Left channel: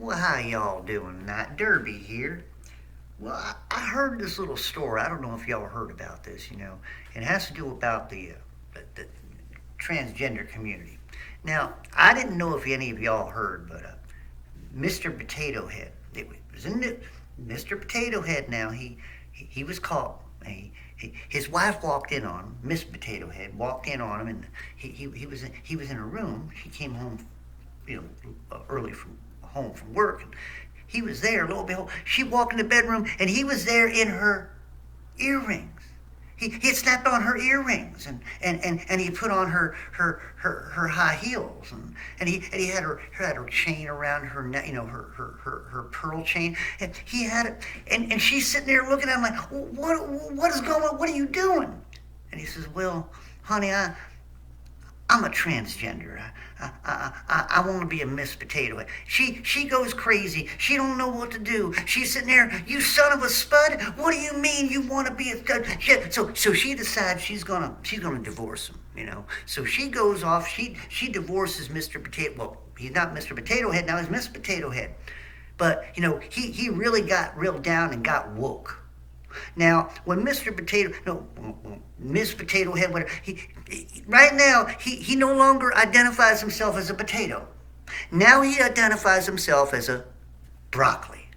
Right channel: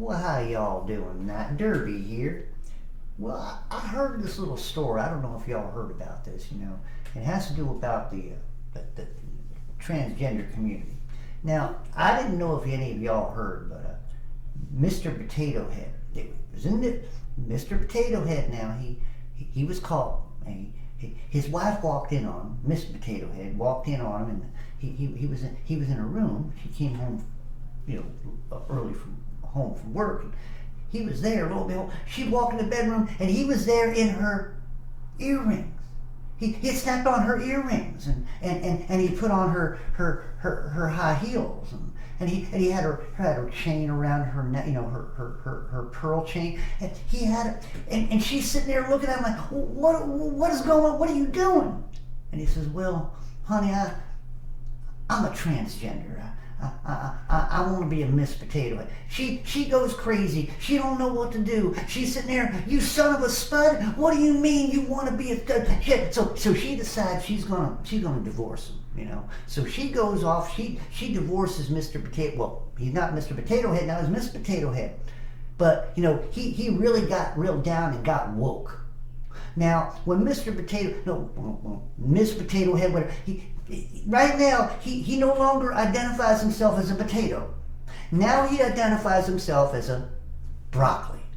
Well, how y'all doing tonight? Derby here. Well, I heard this little story. I don't know if y'all heard about this. It has to do about the transgender community. Now, I didn't know if any of y'all heard, but Mr. Potato Head. It was in the Mr. Potato Head. Now he was caught. His wife walked in on him. Miss Potato Head walked in on him, and he was in a room. He came home, early from home from work, and he was there. Lo and behold, she walked in the bedroom, and he was there in her earrings. He had snapped on her earrings, and he put on her high heels, and he had her chain around her neck, her pearl chain, and he had it, and she's sitting there looking at him like, what is going on? What are you doing? And he says, well, honey, I'm a transgender. I want to be a Miss Potato Head. She goes crazy. She don't know what to do. She's sitting there, you son of a spud. What do you mean you want to be a stud? So she decides she's gonna divorce him. So she goes off. She divorces Mr. Potato. Well, he's not Mr. Potato Head now. He's Miss Potato Head. But he really got real down and got woke. Now, when Miss Potato Head, whatever, right now, he no longer identifies himself as a potato. Now he identifies himself as a broccoli.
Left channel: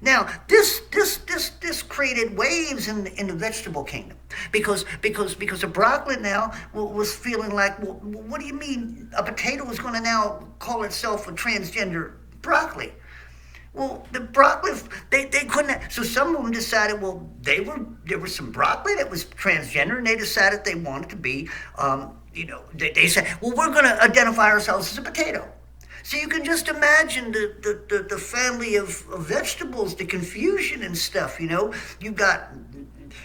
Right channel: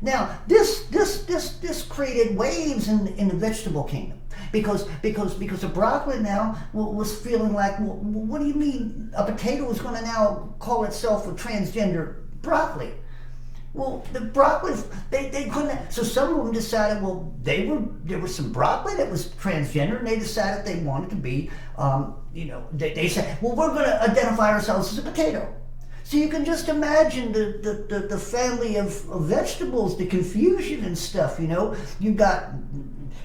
Now, this created waves in the vegetable kingdom because a broccoli now was feeling like, well, what do you mean a potato is going to now call itself a transgender broccoli? Well, the broccoli, they couldn't. So some of them decided, well, there was some broccoli that was transgender, and they decided they wanted to be, they said, well, we're going to identify ourselves as a potato. So you can just imagine the family of vegetables, the confusion and stuff. You've got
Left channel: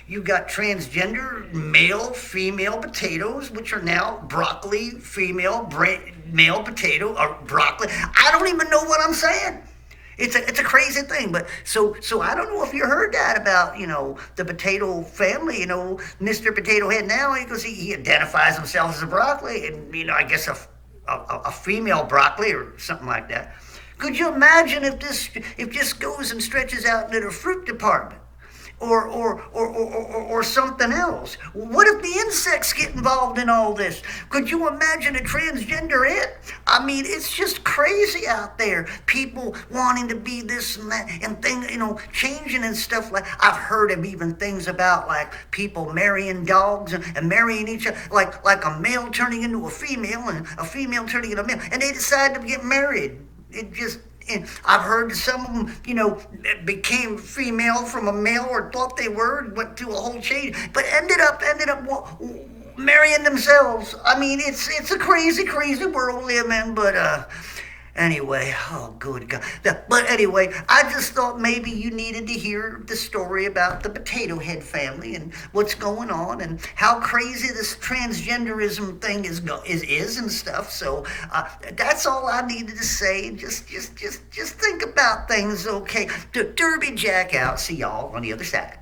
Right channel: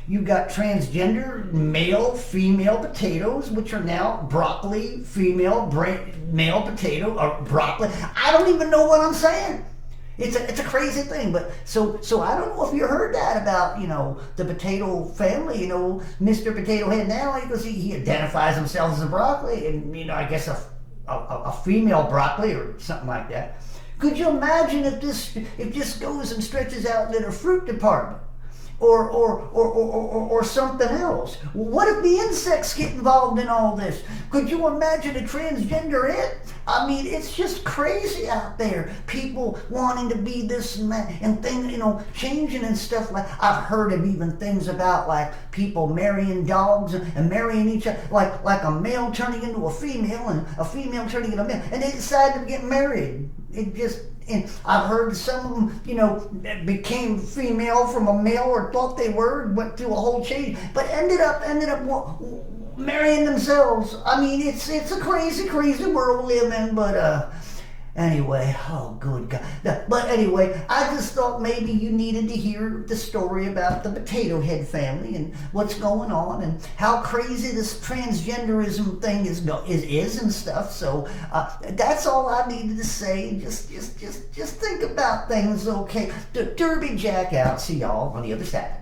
transgender male, female potatoes, which are now broccoli, male potato, or broccoli. I don't even know what I'm saying. It's a crazy thing, but so I don't know if you heard that about the potato family. Mr. Potato Head now, because he identifies himself as a broccoli, and I guess a female broccoli or something like that. Could you imagine if this goes and stretches out to the fruit department? Or something else. What if the insects get involved in all this? Could you imagine a transgender it? I mean, it's just crazy out there. People wanting to be this and that and things, changing and stuff. Like I've heard of even things about like people marrying dogs and marrying each other, like a male turning into a female and a female turning into a male, and they decide to get married. And I've heard some of them, became female from a male or thought they were, and went through a whole change, but ended up marrying themselves. I mean, it's a crazy, crazy world we live in, but anyway, oh good God. But anyway, I just thought maybe you needed to hear the story about the Potato Head family and what's going on and how crazy this transgenderism thing is and stuff. So that's all I needed to say. Just think about things, okay? Derby Jack out. See y'all on the other side.